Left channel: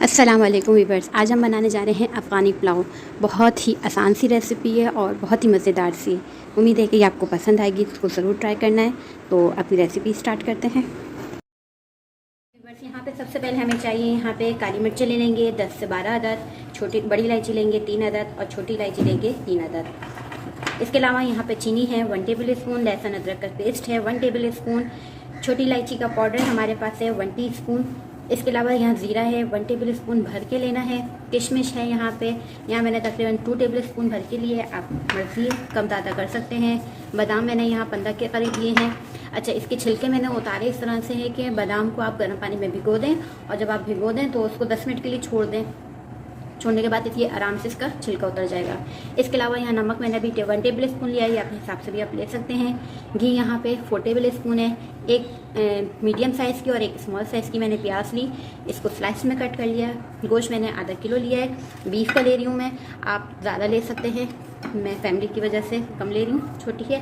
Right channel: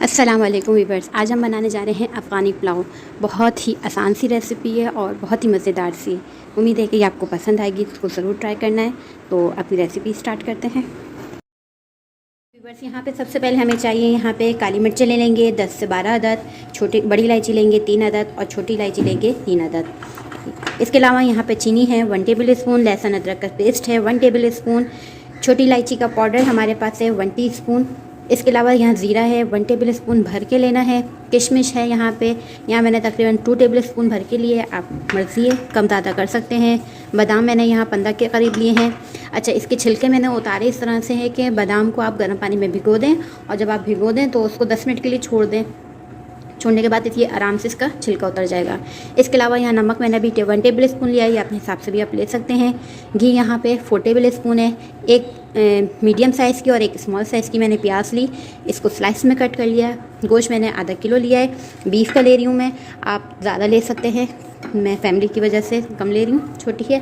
अस्सलाम वालेकुम वीवर्स। आज हम बनाने जा रहे हैं अफ़गानी पुलाव। बहुत ही आसान सी रेसिपी है और बहुत ही मज़ेदार सी। उम्मीद है कि आपको पसंद आएगी, इसको ज़रूर ट्राई करना है। तो अपनी रेसिपी स्टार्ट करते हैं। वीवर्स, यहाँ पे सबसे पहले हमें चाहिए, यहाँ पे काली मिर्चें ले लेंगे 10 से 12 अदद, बड़ी इलायची लेंगे 3 अदद और छोटी इलायची लेंगे 3 अदद। इसके अलावा यहाँ पे चीनी है 1 टेबल स्पून, लहसुन अदरक का पेस्ट है 1 टेबल स्पून, छोटी इलायची का पाउडर हमारे पास है 1 टीस्पून। इसके अलावा यहाँ ज़ीरा है 1 टेबल स्पून भर के लेना है। किशमिश है यहाँ मैंने तकरीबन 2 टेबल स्पून भर के लिए, आप मर्ज़ी है कम ज़्यादा कर सकते हैं। बादाम मैंने यहाँ 15 के करीब लिए हैं। अच्छा, इसके छिलके मैंने उतारे इस तरह से है कि बादाम को आप गर्म पानी में भिगो दें और जब आप भिगो दें तो उसको 10 मिनट के लिए छोड़ दें। छोड़ने के बाद ये आराम से इसका छिलका उतर जाएगा। इसके अलावा यहाँ नमक मैंने अभी 1 टेबल स्पून लिया है, या अपने हिसाब से भी आप ले सकते हैं। घी यहाँ पे 4 टेबल स्पून है। एक मीडियम साइज़ की और एक स्मॉल साइज़ की मैंने प्याज ली, इसको स्लाइस में कट कर लिया। गोश्त मैंने आधा किलो लिया है, बीफ का ले रही हूँ मैं, आप ज़्यादा ले सकते हैं, मैं फैमिली की वजह से कम ले रही हूँ, छोटी है।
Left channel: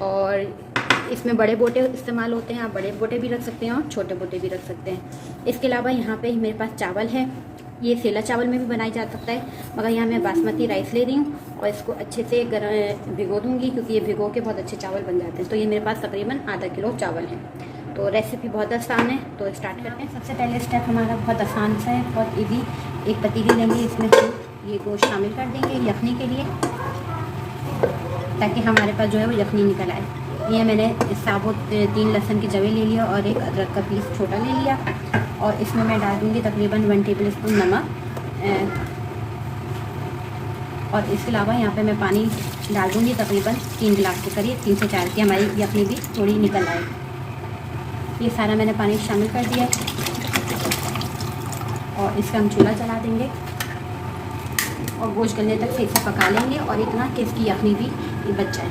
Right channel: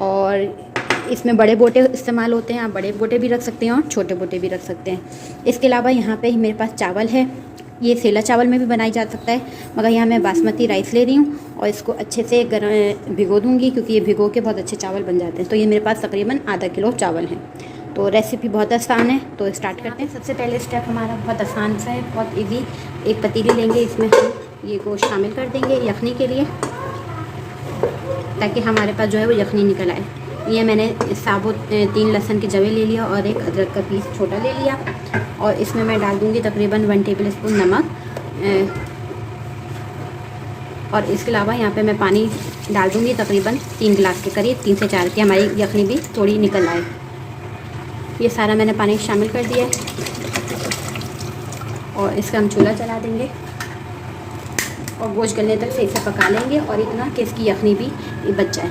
और इसमें बड़े बोटे इस्तेमाल होते हैं, आप बड़े बोटे भी रख सकते हैं और छोटे बोटे भी रख सकते हैं। इसके अलावा यहाँ पे मेरे पास चावल है, ये सेला चावल में भी बनाई जा सकता है, मगर यहाँ मैं बासमती राइस ले रही हूँ और इसको अच्छे से भिगो दूँगी, क्योंकि ये भिगो के बहुत अच्छे चावल बन जाते हैं। तो ये मेरे पास तकरीबन आधा किलो चावल है। तो रेसिपी बहुत आसान है, तो स्टार्ट करते हैं। सबसे पहले स्टेप हमारा बहुत आसान सा है, बहुत ईजी। एक पतीली लेंगे, इसमें हम ये गोश्त शामिल कर देंगे यखनी के लिए, ताकि हमारे पास जो है वो यखनी निकल आए। ये मैंने साबुत 3 लहसुन के जवे ले लिया और एक अदरक का पीस छोटा ले लिया, और इसमें मैं डाल दूँगी तकरीबन 1 टेबल स्पून नमक। और इसके अलावा यहाँ पे मैं पानी डाल दूँगी तकरीबन 3 गिलास के करीब, 3 से 4 की, हमारी यखनी भी थोड़ी निकल आए। ये सारा मैंने पानी शामिल कर दिया है और इसका हम चूल्हा जला देंगे और गोश्त गलने तक से इसे पका लेंगे, और इतना कि इसकी यखनी भी बच जाए।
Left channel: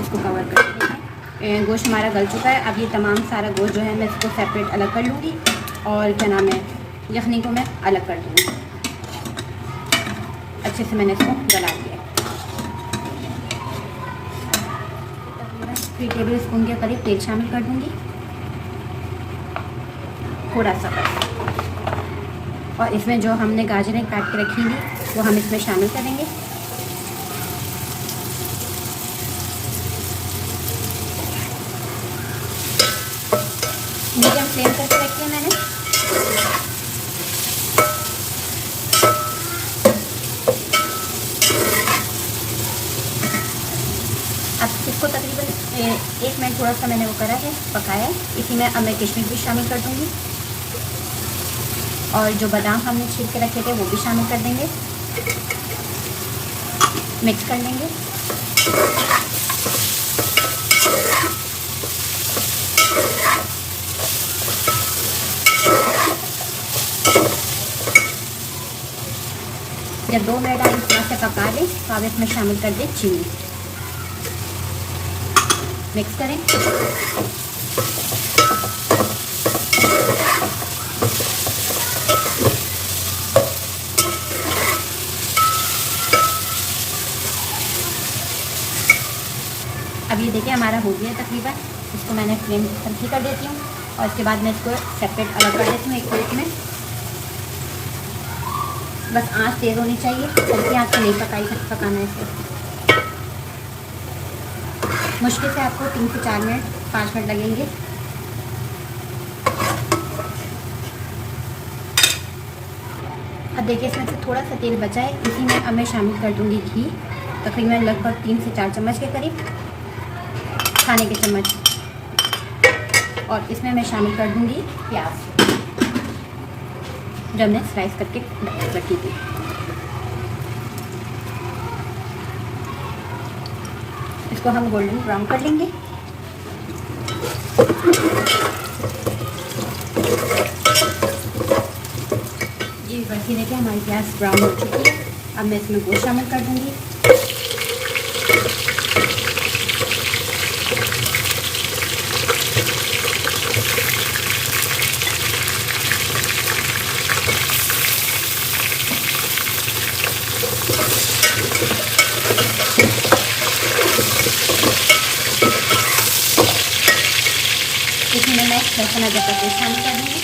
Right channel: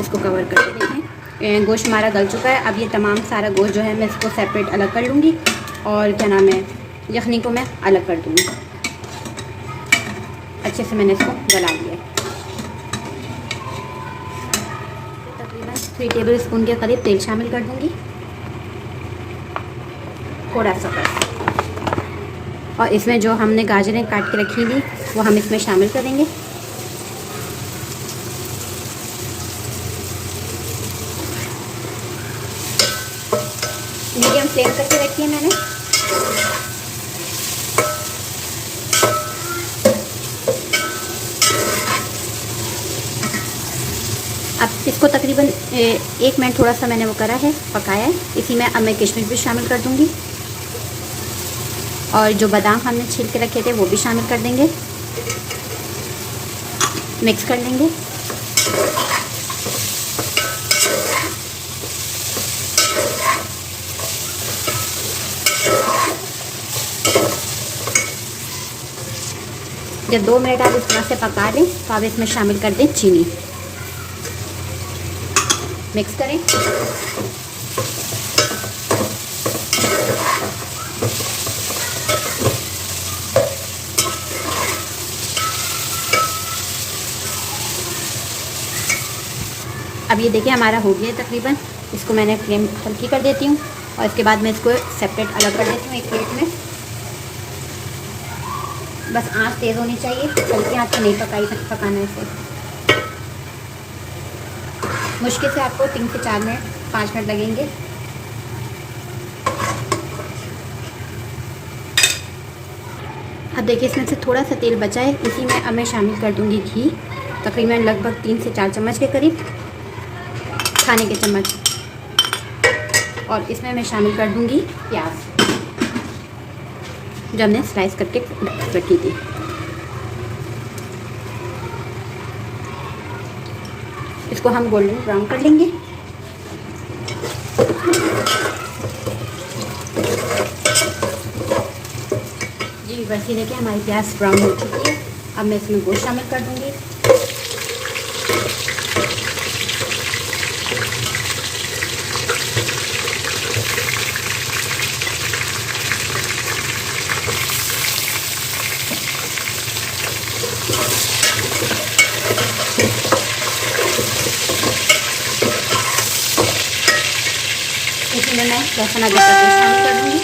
इसको कवर करके देखें, गोश्त हमारा गल चुका है। अब ये तमाम सारा गोश्त जो है मैं इसको सेपरेट अलग कर लूँगी, और क्या नाम है, यखनी को मैं अलग कर दूँगी। अच्छे से मैंने इसको गला लिया। तकरीबन 3 टेबल स्पून के करीब तेल शामिल कर दूँगी, थोड़ा सा बस। और इसमें जो हमने गाजरें काट के रखी थी वो हम इसमें शामिल करेंगे। मीडियम फ्लेम करके रखी है मैंने। अब इसको तकरीबन 1 मिनट थोड़ा सा मैंने वो करा है, पकाया है। इसी में अब मैं किशमिश भी शामिल कर दूंगी, और जो बादाम हमने छील के रखे थे वो भी शामिल कर देंगे। मिक्स कर लेंगे। जब 2 मिनट आप इस तरह से पका लें तो आप इसमें शामिल कर दें चीनी। मिक्स करें। अब ये देखिए हमारा हो गया तकरीबन। इसको मैंने फ्लेम हल्की कर देती हूँ, और इसके बाद मैं इसको सेपरेट अलग कर देती हूँ एक प्लेट में। बस आँच तेज़ होनी चाहिए, हल्की आँच से नहीं पकाने से। मुश्किल से आपको 3 से 4 मिनट 5 मिनट लगेंगे। अब देखिए इसमें से थोड़ा सा तेल बचा है, इसी में अब मैं शामिल कर दूंगी घी, तकरीबन लगभग 3 से 4 चम्मच के करीब, खाने के चम्मच। और इसमें मैं शामिल कर दूंगी प्याज, जब हमने स्लाइस करके रखी थी। इसको हम गोल्डन ब्राउन कर लेंगे। जी बस ये देखिए हमारी प्याज ब्राउन हो चुकी है। अब मैं इसमें गोश्त शामिल कर दूंगी। इसमें मैं लहसुन अदरक का पेस्ट शामिल कर दूँगी।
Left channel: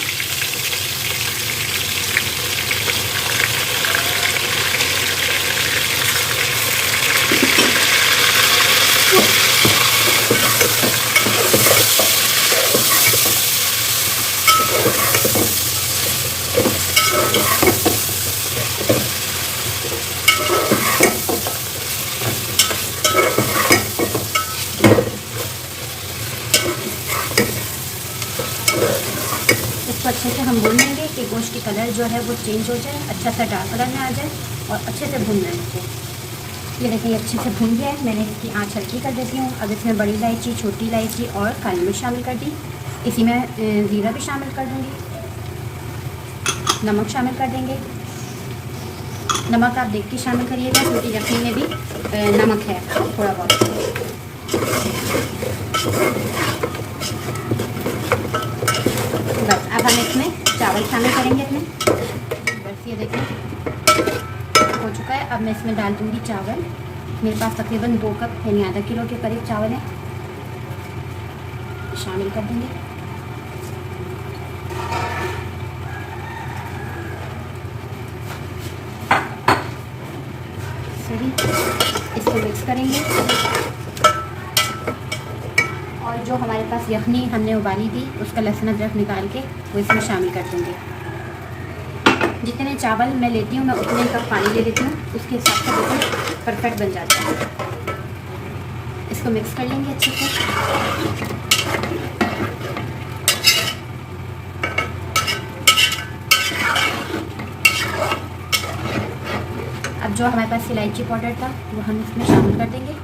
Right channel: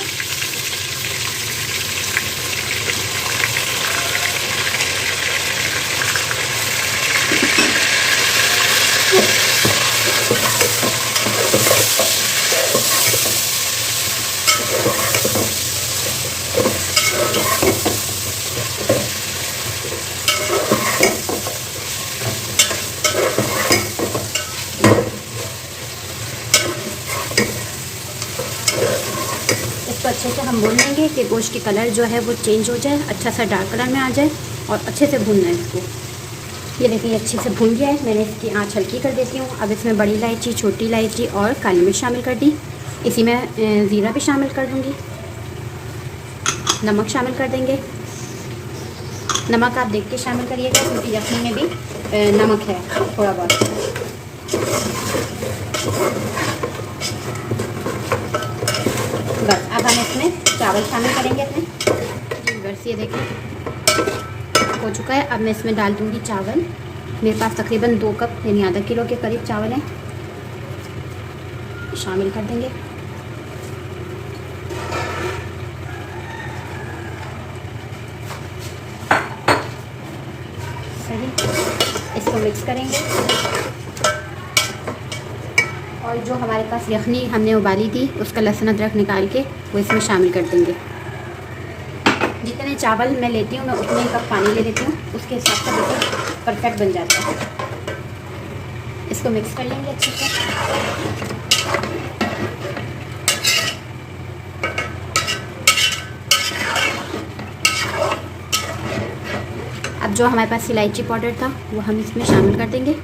कि गोश्त की कलर जो है वो चेंज हो जाए, अच्छा सा डार्क कलर में आ जाए और अच्छे से भूनना है इसको। ये देखिए अच्छे से भून गया है। मैंने इसकी आँच हल्की कर देती हूँ। अब इसमें बड़ी इलायची, छोटी इलायची और काली मिर्च शामिल कर दी। इसी में ज़ीरा भी शामिल कर दूँगी। नमक शामिल कर देंगे। नमक आप देख के शामिल करिएगा क्योंकि यखनी में भी नमक है थोड़ा बहुत। बस अब हम इसमें चावल शामिल करेंगे अपने। बस ये देखें हो चुका है। अब मैं इसमें डाल दूँगी चावल। मेरे पास तकरीबन 2 कप यानी आधा किलो के करीब चावल हैं, शामिल कर देंगे। सही, इसको मिक्स करेंगे और जो हमारे पास यखनी हमने उबाली थी उसका लहसुन अदरक निकाल के वो इसमें शामिल कर देंगे। जितने चावल मैं लेती हूँ मैं उतने कप पानी ले लेती हूँ, उसके हिसाब से बिल्कुल परफेक्ट बन जाता है। इसको मिक्स कर लेंगे अच्छे से। अब जो हमारे पास इलायची पाउडर था वो हम इसमें शामिल कर देंगे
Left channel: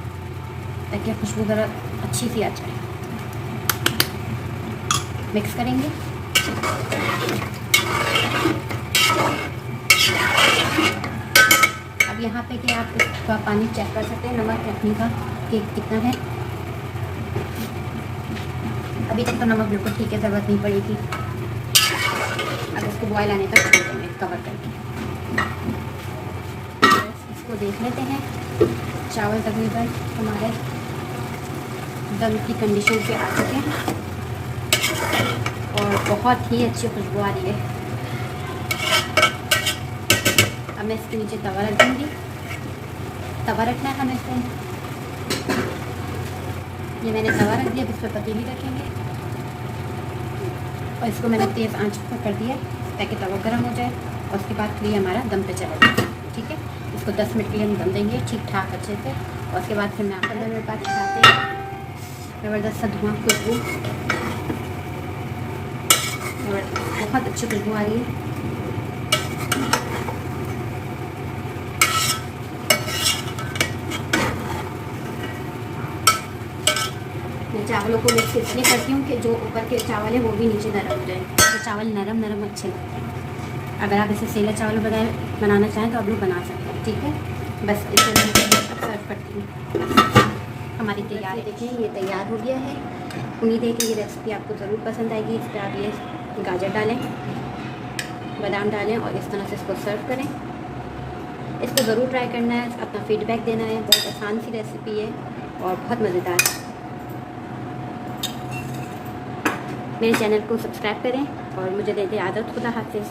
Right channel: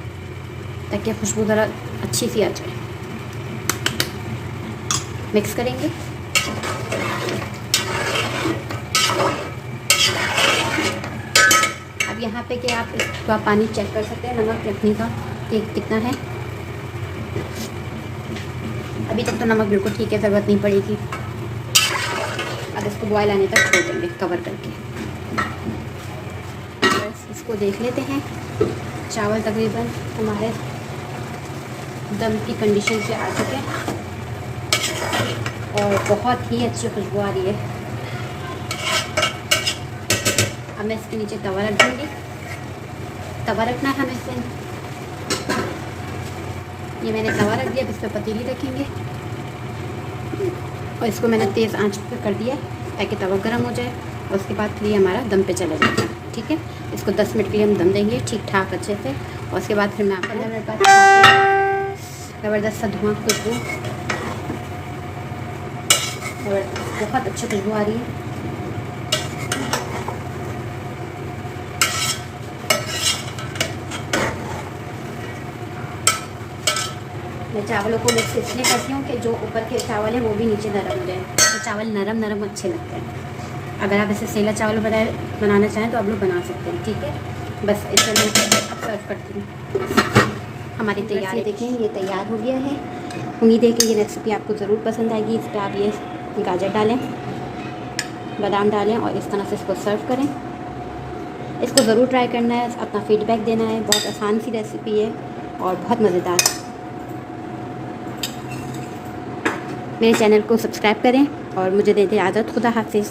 ताकि खुशबू ज़रा अच्छी सी आ जाए। मिक्स करेंगे। अब यहाँ पे कि आप इसका पानी चेक कर सकते हैं नमक रखने का कि कितना है। अभी तक तो नमक बिल्कुल ठीक है, ज़रूरत नहीं पड़ेगी। अब इसको बॉयल आने तक छोड़ देंगे कवर करके। बस इसको देख लेते हैं। चावल तकरीबन हमारे दम की कंडीशन से आ चुके हैं और बहुत ही अच्छी खुशबू आ रही है। अब मैं इसके नीचे तवा रख दूँगी। तवा रखना है हमें इसे। ये मैंने तवा रख दिया, इस पर पतीली रखेंगे और इसको मैंने तेज़ आंच पर कर दिया ताकि तवा गर्म हो जाए और उसके बाद फिर ये हमारा दम पे चले जाए। ठीक है, इसको 10 मिनट के लिए हम दम देंगे ठीक ठाक अच्छे से और उसके बाद फिर मैं आकर मेरे पास ज़बरदस्त सा धुआं खुशबू और बहुत अच्छी खुशबू आ रही है। मैं चावलों को मिक्स इसलिए करती हूँ कि जो ऊपर के चावल है वो भी नीचे नरम हो जाए। तो चावल नरम नरम अच्छे लगते हैं। अगर आप इसे सेला चावल बनाना चाहें तो आप लोग बना सकते हैं। ठीक है, बस इसे मैं सर्व करती हूँ। हमारी तैयारी देखें, ये तैयार हो गया है। उम्मीद है कि ये रेसिपी आपको ज़रूर पसंद आएगी। इस पर आप ये गाजर डालें, बादाम डालें और इस तरह से इसको सर्व करें। इसको ज़रूर ट्राई करना है, अपना फीडबैक देना है। बहुत आसान सी रेसिपी है और बहुत मज़ेदार। मेरे चैनल को सब्सक्राइब करें और मुझे दें इजाज़त। खुदा हाफिज़।